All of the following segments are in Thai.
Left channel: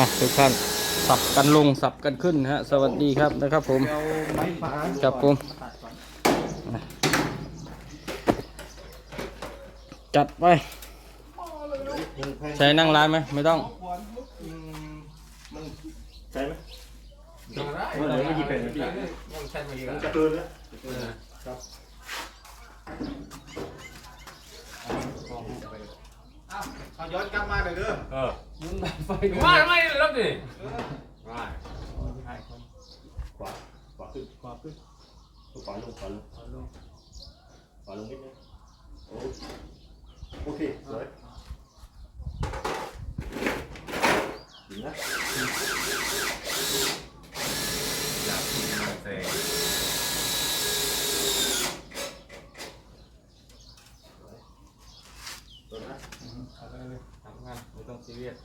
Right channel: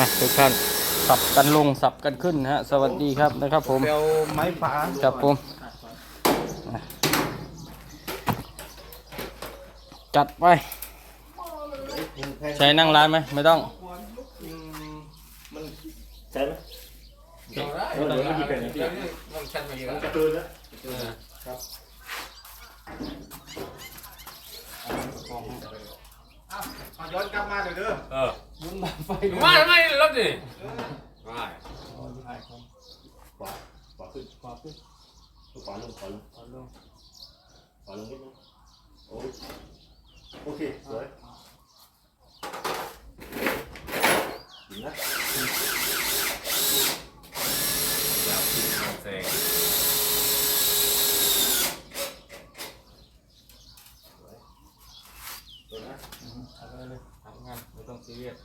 มาทุกท่านสับกันลงสับกันขึ้นนะฮะ สวัสดีครับนะครับผมเอาไม้ฝาครับผมจัดไปใช้นั่งร้านไหมไม่ต้องมันใช่ไหมเออเดี๋ยวไม่กี่เป็นนะพี่มันกระตือนแล้วครับ ย้อนกลับมาเดี๋ยวเด้อเออยุนไฟมาทำไมรถดิมาขวาขวาขึ้นขวาขึ้นขวาลงขวาลงขวาลงขวาลงนิดนึงโอโอเคสวยดีนะ เสก สวยสวยนะ เอาเลยเลยทำงานไม่ต้อง ซีเรียส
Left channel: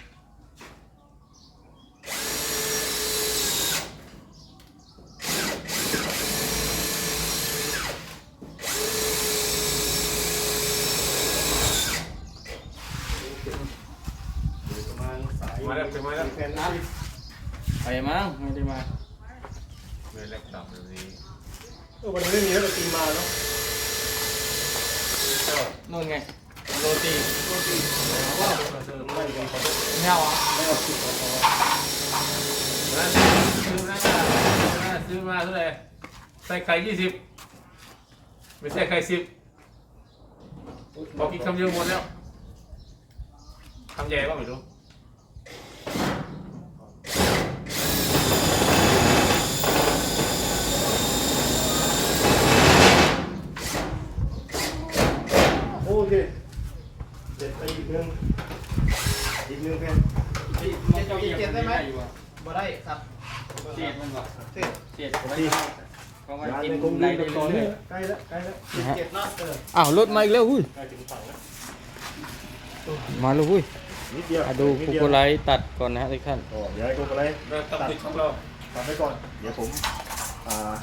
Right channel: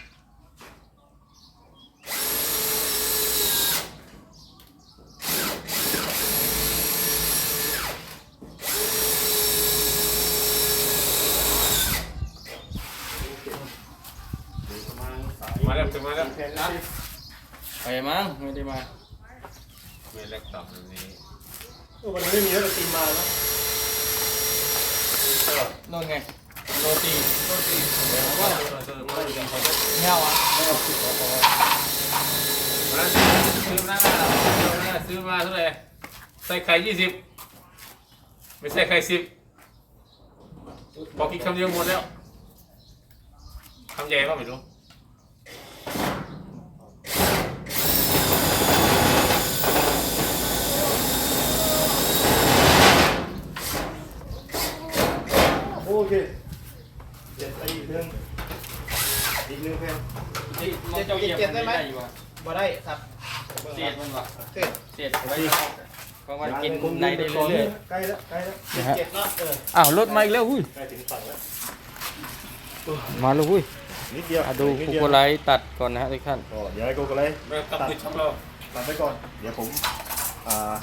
เดี๋ยวประมาณสายมาแล้วถึงมาแล้วแผ่นนะไปมั้งไม่ได้มาเมล็ดดอกนี้เออวันนี้ไม่มีแล้วแต่ตีมาเนาะโน่นไง โรตีไม่เอาอะซื้อนะซื้อมาเท่าไหร่ใส่ไข่ยี่สิบไม่ใส่ไข่สิบบอกกินคำเดียวหมดแล้วคำใหญ่ป่ะไม่รู้โอเค เจ็ดไปอีกหนึ่งอีกหนึ่งแผ่นมันจะเจ็ดได้ไหมมาได้ครับเจ็ดมันก่อนเจ็ดเจ็ดก็ได้ก็มันยากินในคงในดีได้ต่อเรื่เนื่ออยงใกล้แล้วใกล้แล้วนะฮะเจ็ดแล้วเอออ้าวรถมาอีกแล้วอุ้ยใกล้ถึงฝั่งแล้วมาแล้วอุ้ยนิดเดียวมาดูคุกโกไลท์ตัดก่อนนะฮะทุกท่านก็เดี๋ยวให้โกโกไลท์เราต้องปิดช่องเราตัดไปก่อน เดี๋ยวผมอ่า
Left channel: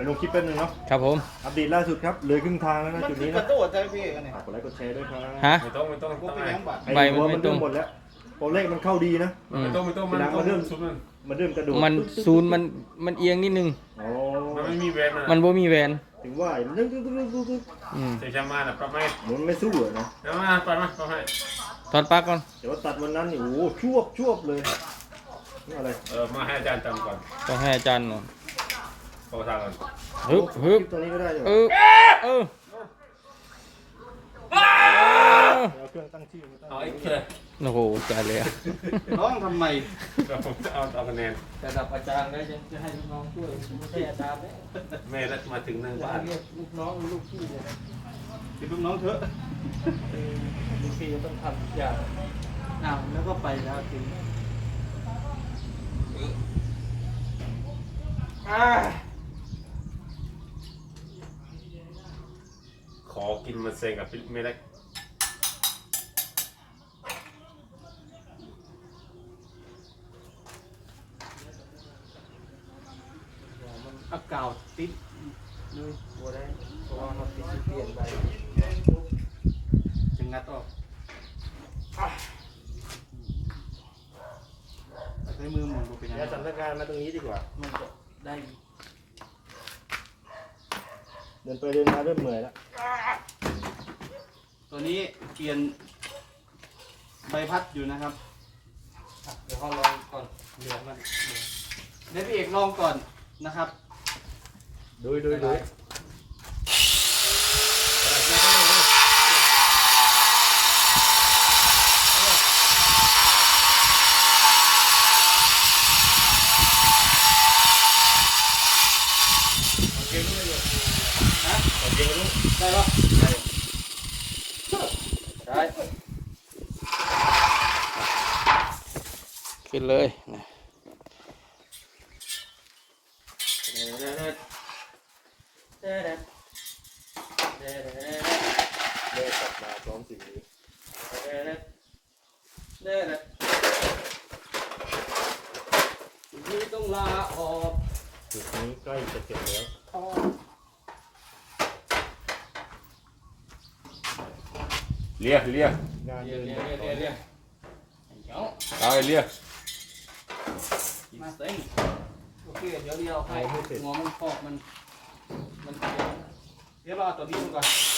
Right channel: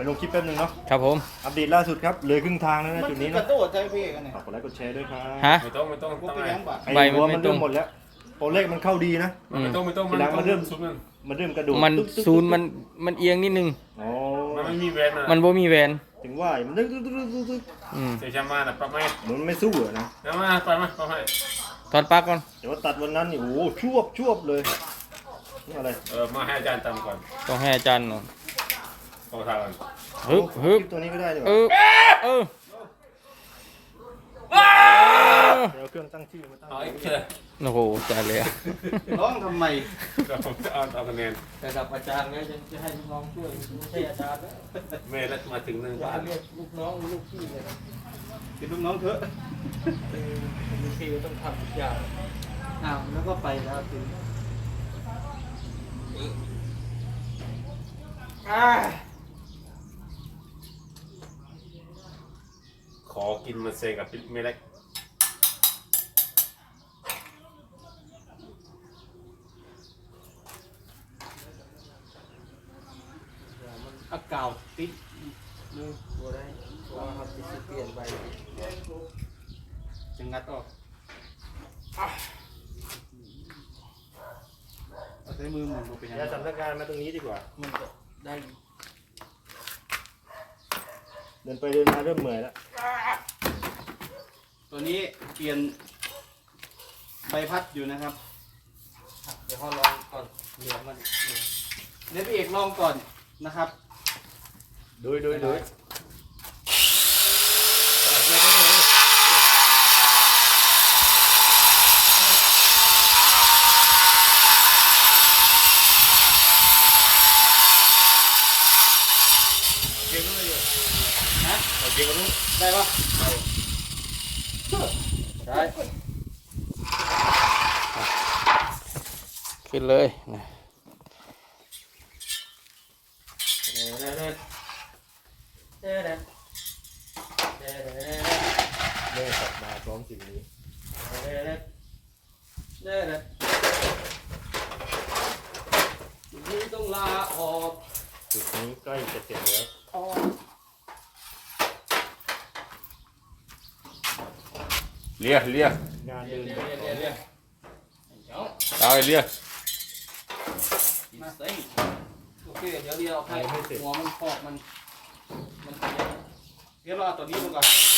ไปลงคลิปแป๊บนึงเนาะ ครับผม อัปเดตล่าสุดครับ เหลือครึ่งทางแล้วนะมันจุดคืนี้อกระนะโดดใจพี่กันเนี่ยฝากกดไลค์กดแชร์ด้วยครับฮะ ไม่ต้องไม่ต้องกูต้องไปยังบัตรอ้ใบมันไม่หัวตรงหมดแล้วตัวเลขมันเข้าดีนะอืมไม่ต้องไม่ต้องมันต้องเริ่มสุดมันมันเริ่มกระโดดมันตึ๊กตึ๊กซูนย์มันมันเอียงนิดนึง อ๋อมันไม่มีแวนนะมันบ่มีแวนถึงว่ามันตึ๊กตึ๊กตึ๊กตึ๊กตึ๊กอืมเสียชามาน่ะปรับไม่เหมือนไม่สู้อะนะแล้วมาปรับมาปรับให้ถอดปลั๊กก่อนแต่ว่าตัดวันนั้นนี่โอ้โหชวบชวบเลยนี่อะไร เออมาให้อาจารย์ตามก่อนต้องให้อาจารย์หน่อย ขอทางกันฮึบฮึบตัวนี้ก็ได้เลยเออเออเดี๋ยวเครื่องตั้งที่มาตั้งเอาอีกเถอะโอ้โหจ่ายเลยอะร้องทำไมเราจะเอาเอาคะแนนระดับอาจารย์แล้วจะให้ลูกน้องช่วยไม่ใช่อาจารย์แล้วแม่รักมาถึงหนึ่งบาทเรียกลูกน้องลูกพี่เลยนะติดลูกน้องเถอะเออลูกพี่ต้องทำทุกอย่างอ้าวแล้วก็ไปแล้วจริงอ่า ขอกินมาเซกับปิ๊กไม่ได้มันอากาศติดเลยตัวได้เพราะว่าเขาติดเปลี่ยนไปจึงงัดออกเอาใช้มือหมุนดูเป็นยังไงย้ายสถานการณ์มาตรงนี้ดีกว่า มันจะได้เดินไปเดินมาเริ่มเหนื่อยแล้วตัวนี้เปลี่ยนใบพัดอยู่นะครับอะเดี๋ยวเขาลองก่อนเหลือมันเหลือเดี๋ยวพี่เอกลองก่อนนะครับ ดูดูดู ฮะ โอ เคมาดูได้ปะได้ขึ้นเลยนะเด้อเด้อเด้อเด้อเด้อเด้อเน่กลับมาพร้อมสิ่งนี้เด้เด้อเด้อเด้อนี่ต้องลาออกจุดนี้ใกล้จะเสร็จแล้ว ออก เลียเลียงานเรียเดินนเรียเรียเรียเรียเดี๋ยวเอาไอ้เลียกินเส้นโอเคเดี๋ยวเดี๋ยวให้หัวมันพอกมัน มันเลียเดี๋ยวรอตัวนี้มันก่อน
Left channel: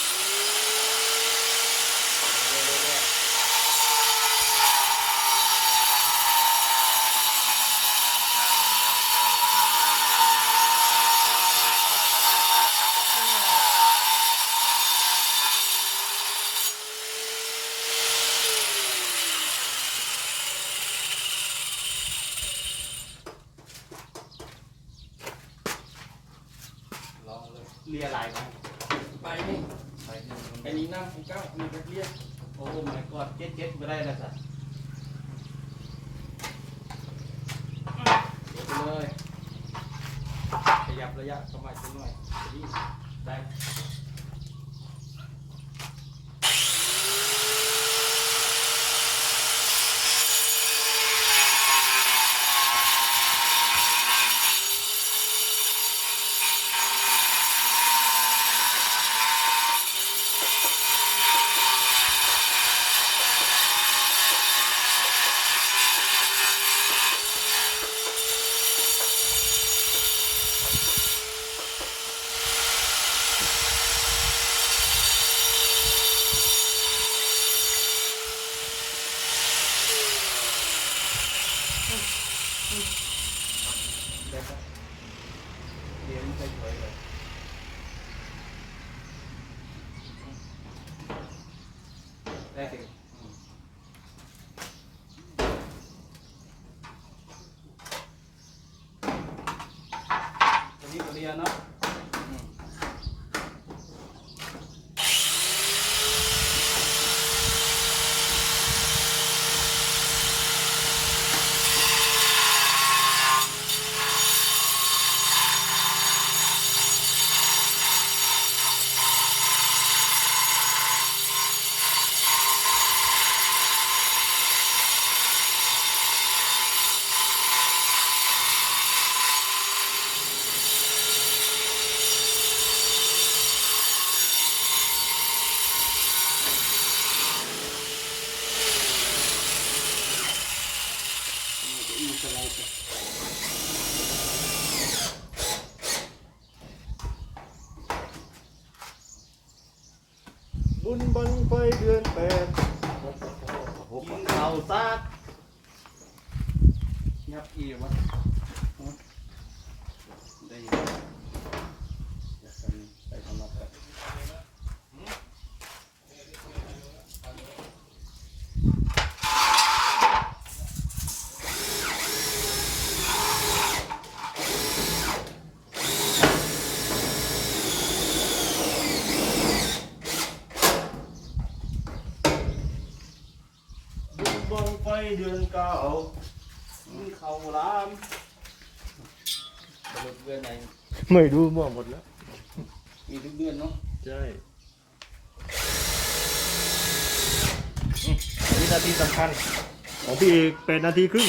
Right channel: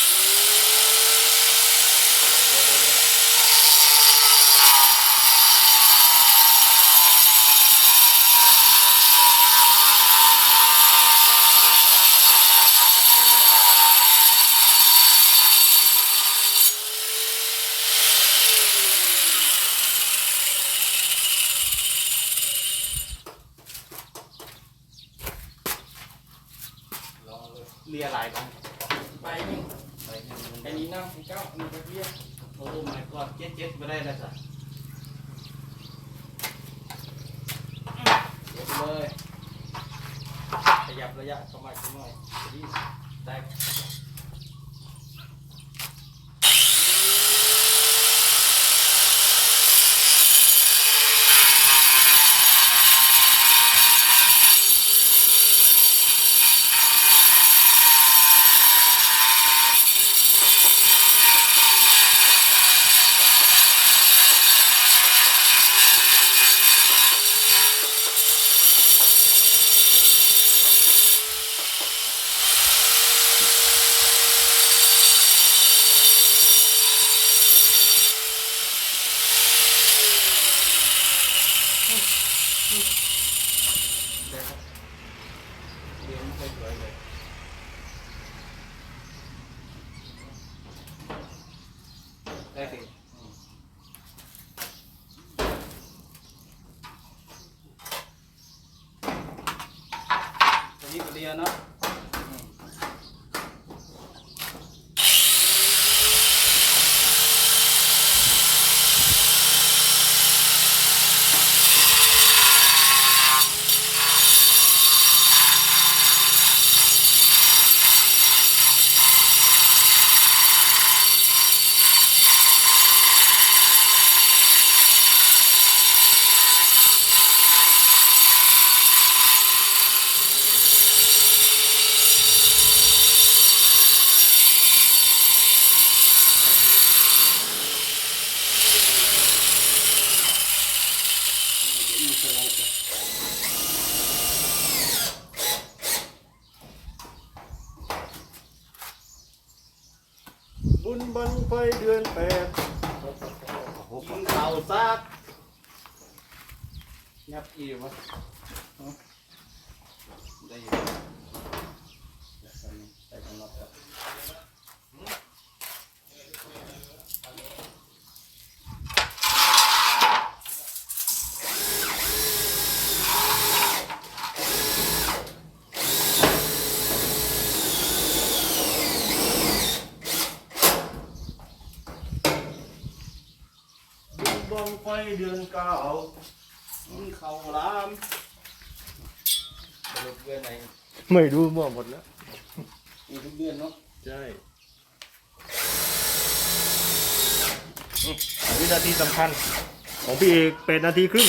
เลยเลียลายกันไปนี่ไปหนึ่งไอ้นี่นั่งไอ้เก้านี่ไปเรียกโอ้ my god เจ็ดเจ็ดไม่ได้แล้วสัสเดี๋ยวไปเลย ขยับระยะเข้ามาสักหน่อยดีได้ ได้ครับเรียนไม่ค่อยสวยเลยได้สิอืมตัวนี้ก็เรียนเนาะอืม มีสไลด์จ้ะ บุญบังไฟเดือนแปดกินข้าซากยับอีวะฮะได้อยู่เดี๋ยวใส่นี่ใส่ของน็อตก่อ บุญบังไฟเดือนเก้ากินข้าลามสรุปเดือนไหนไม่รู้มั่วหมดแล้ว มีทุกเดือนเนาะใช่วินาทีสำคัญของพี่เอกเป็นนาทีครึ่ง